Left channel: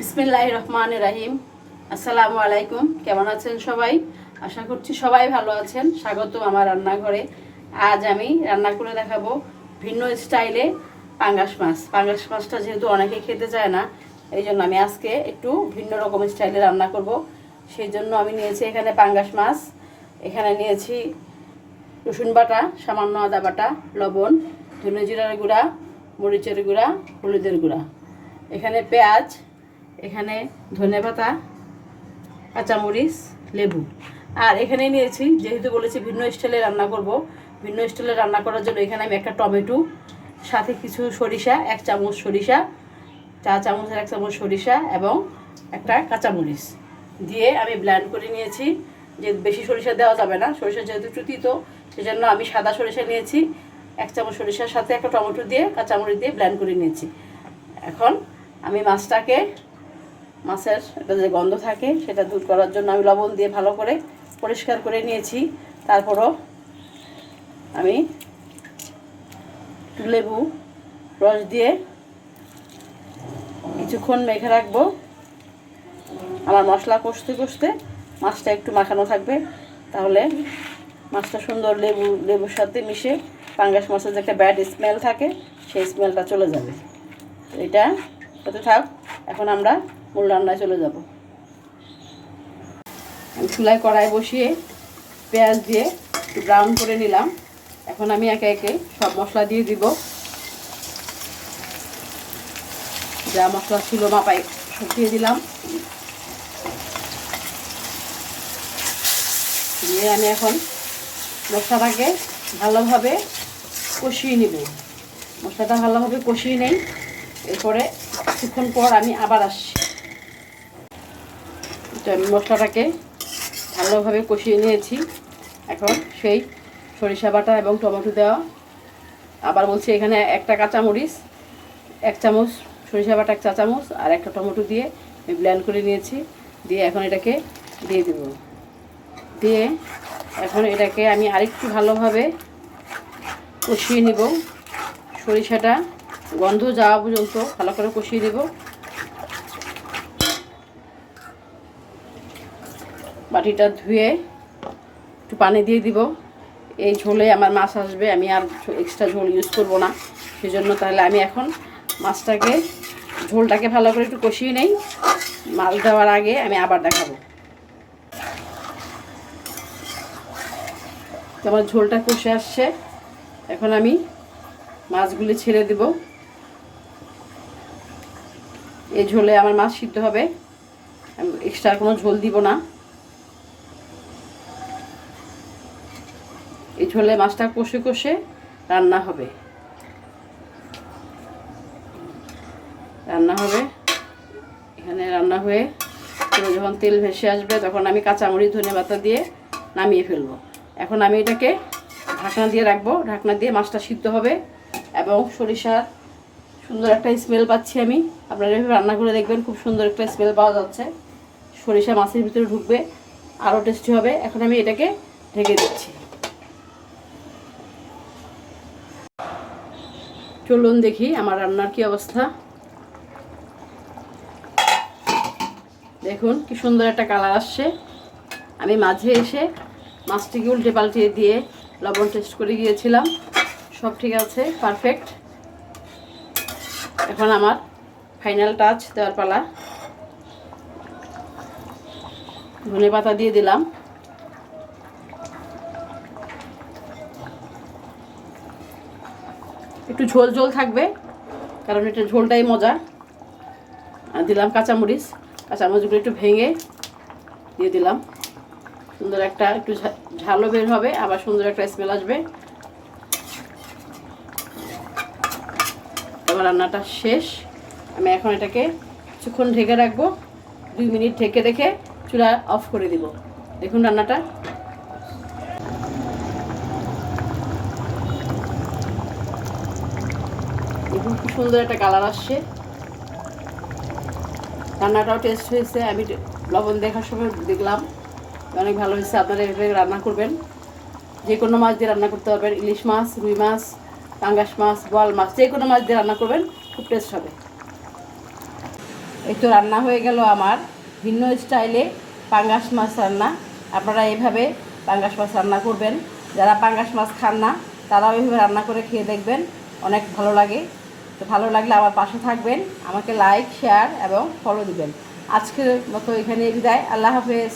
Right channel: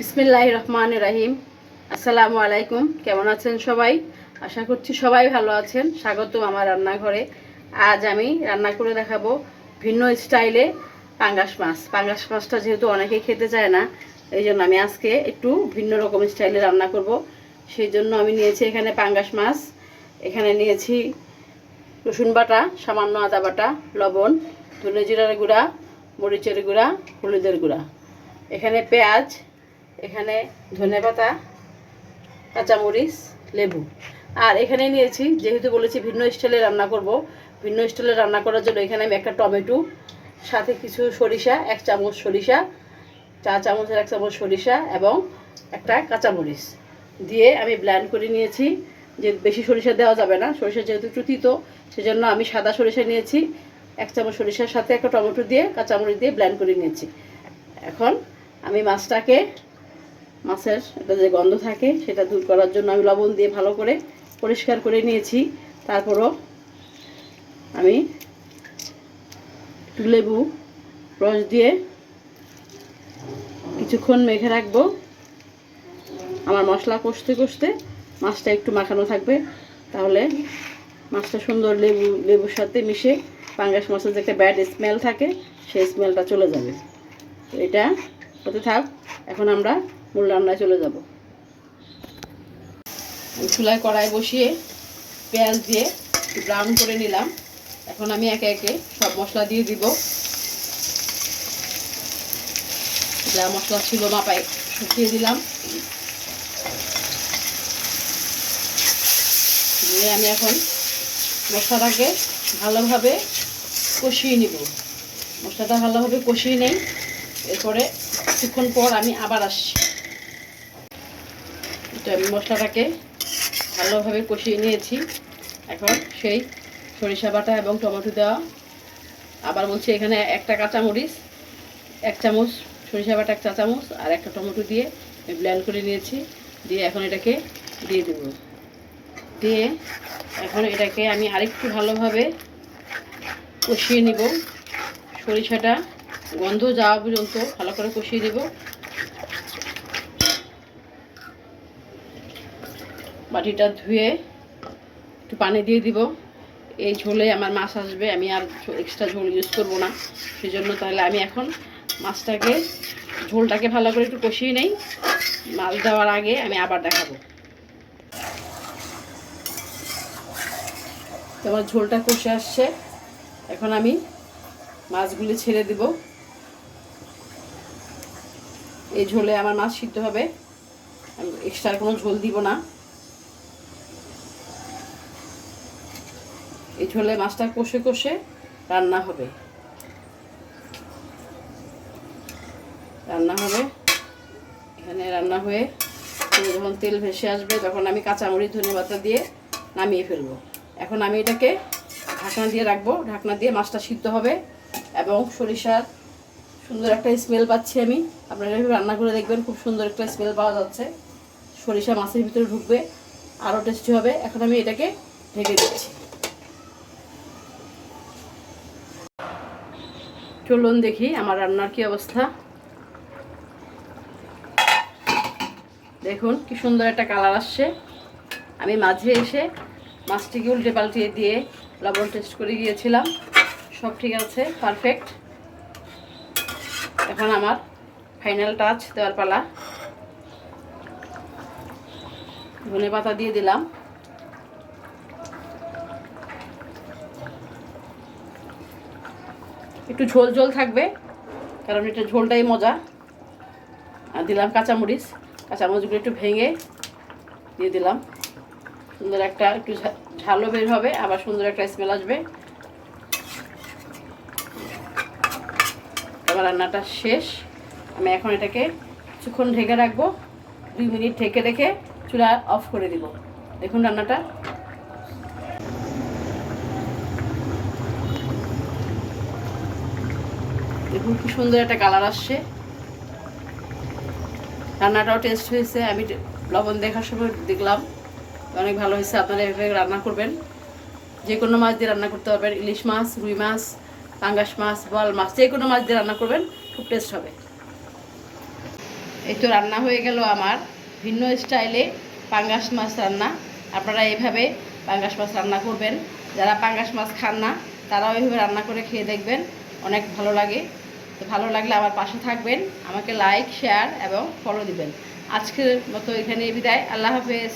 বিসমিল্লাহির রহমানির রহিম। আসসালামু আলাইকুম। কেমন আছেন সবাই? আশা করছি সবাই ভালো আছেন। স্বাগতম আমার রান্নাঘরে। আজ আমি রান্না করে দেখাবো ভিন্ন স্টাইলে পাঙ্গাস মাছ। পাঙ্গাস মাছটা যেহেতু অনেকেই খেতে চায় না, এই জন্য আমি আজকে একটু ভিন্ন রকম স্টাইলে রান্না করব। সেই জন্য আমি নিয়েছি এখানে পাঙ্গাস মাছ, এখানে নিয়েছি রসুন বাটা, সামান্য আদা বাটা, লবণ, ধনে জিরার গুঁড়া, মরিচের গুঁড়া, হলুদের গুঁড়া, এখানে পেঁয়াজ, এখানে ধনেপাতা, কাঁচামরিচ, লেবু। আর এখানে নিয়েছি, যেহেতু বলেছি ভিন্ন স্টাইলে রান্না করব, ভিন্ন স্টাইলে রান্না করার জন্য এখানে আমি একটা টমেটো, সাথে কিছু সরিষা, 1 চামচ সরিষা, 4 চামচের 1 চামচ সরিষা এবং একটা কাঁচামরিচ দিয়ে আমি ব্লেন্ড করে নিয়েছি। যে বেশি সরিষা দেওয়া যাবে না, সরিষা যেহেতু একটু তিতো, সেজন্য আমি সাদা সরিষা নিয়েছি। 1 চামচ সরিষার সাথে একটা টমেটো দিয়ে কাঁচামরিচ দিয়ে ব্লেন্ড করে নিয়েছি। এখন আমি মাছের একটা যে গন্ধ থাকে সেটা দূর করার জন্য আমি লবণ দিয়ে ভালো করে পরিষ্কার করে নিয়েছি। তারপরও আমি একটু লেবু রস দিয়ে কিছুক্ষণ মেখে রাখবো। আমার মশলা কষতে কষতে মাছটা একটু মাখানো থাকবে, তাহলে মাছটা সুন্দর লেবুর সাথে মিশে পাঙ্গাস মাছের যে একটা ব্যাড স্মেল থাকে সেই স্মেলটা চলে যাবে। এটা হতে থাক, এখন আমরা মূল রান্নায় চলে যাব। আমি চুলায় কড়াই বসিয়ে পেঁয়াজ দিয়ে ব্রাউন করে নিলাম। এখন আমি একে একে সব মশলা দিয়ে দিব। যা মশলা ছিল মাপায় সব দিয়ে দিলাম। দিয়ে আমি এখন মশলাটাকে ভালোভাবে কষিয়ে নিব। মশলাটা ভালোভাবে কষিয়ে নেই, এরপরে কিছুক্ষণ পর আমি আবার আসছি। তো আমি মশলাটাকে ভালোভাবে কষিয়ে নিয়েছি। এখন সেই সরিষা বাটা এবং টমেটো দেওয়া, আবার বলছি এখানে একটা কাঁচামরিচ, 1 চামচ সরিষা বাটা, 1 চা চামচ আর একটা টমেটো দিয়ে আমি ব্লেন্ড করে নিয়েছি। দিয়ে এখন এটাকে দিয়ে দেব। দিয়ে এখন এটাকে আমি আরেকটু ভালোভাবে কষিয়ে নিব। সরিষাটা গন্ধ যাওয়া পর্যন্ত ভালো করে কষিয়ে দেব। বাটিটা ধুয়ে একটু পানি দিয়ে দিব। এই ঝোলে আমার মাছ আসবে, আমি আর এক্সট্রা ঝোল ইউজ করব না, সেজন্য তাহলে আমি এখন মাছটাকে ঝোলটাকে ভালো করে একটু কষিয়ে নেই। মাছ দেওয়ার আগে আমি আবার দেখাবো। আমার ঝোলটা কষে আসছে, এখন আমি মাছগুলি ছেড়ে দেব। এই ঝোলে আমার মাছ সিদ্ধ হবে, আমি এক্সট্রা কোনো ঝোল দিব না। এই ঝোলে মাছটা কষে কষে রান্না হবে। এখানে রান্না হয়ে যখন তেল ভেসে আসবে তখন আমি কাঁচামরিচ ধনেপাতা দিয়ে নামিয়ে ফেলবো। এখন আমি এটাকে ঢাকনা দিয়ে রাখবো। ঢাকনা দিয়ে মাছটা সিদ্ধ হবে এবং সরিষার সুন্দর একটা স্মেল পাচ্ছি আমি। আপনারা এভাবে রান্না করে দেখবেন, খুব সুন্দর একটা স্মেল পাওয়া যাচ্ছে। সরিষা মাছের ভিতরে ঢুকবে, আরও টেস্টি হবে। এখন আমি এটাকে ঢেকে দিচ্ছি। চলুন দেখি আমার রান্নার কি অবস্থা। দেখুন কি সুন্দর একটা কালার আসছে। আমি মাঝে এসে মাছটিকে উল্টে পাল্টিয়ে দিয়ে লবণ টেস্ট করে গিয়েছিলাম, সব ঠিক আছে, পারফেক্ট। এখন আমার ফাইনাল টাচ দেওয়ার পালা। ধনেপাতা দিয়ে দিলাম। একটু ঝোল ঝোল থাকবে, কারণ এটা ঝোলটাই মজা। আর দিলাম কাঁচামরিচগুলো একটু ভেঙে দিয়ে দিলাম। সুন্দর একটা একটু ঝালও বের হবে, আবার সুন্দর একটা স্মেল আসবে। এবার রান্নাটা শেষ। আমি এখন এটাকে কিছুক্ষণ ঢেকে রাখবো। 2 মিনিট ঢেকে রেখে চুলা অফ করে দিব। দেখুন রান্নাটা দেখুন কি সুন্দর একটা কালার আসছে। রান্নাটাও টেস্ট হয়েছে। আমি লবণ দেখার সময় দেখলাম অনেক ভালো হয়েছে। আপনারা এভাবে রান্না করবেন, যে কোনো মাছ দিয়ে রান্না করতে পারবেন। ইলিশ মাছ, রুই মাছ, পাঙ্গাস মাছ, বোয়াল মাছ, যে কোনো মাছ দিয়ে রান্না করবেন, খুব টেস্ট হবে। এই তো রান্না হয়ে গেল আমার ভিন্ন স্টাইলে পাঙ্গাস মাছ রান্না। আপনারা এইভাবে পাঙ্গাস মাছ রান্না করবেন। যারা পাঙ্গাস মাছ খান না তারাও এইভাবে রান্না করে খেয়ে দেখবেন, অনেক ভালো লাগে। তো ভালো লাগলে আমার পাশে থাকবেন, আমাকে লাইক শেয়ার এবং ফলো দিবেন। আজকের মতো এখানে বিদায়, আল্লাহ হাফেজ।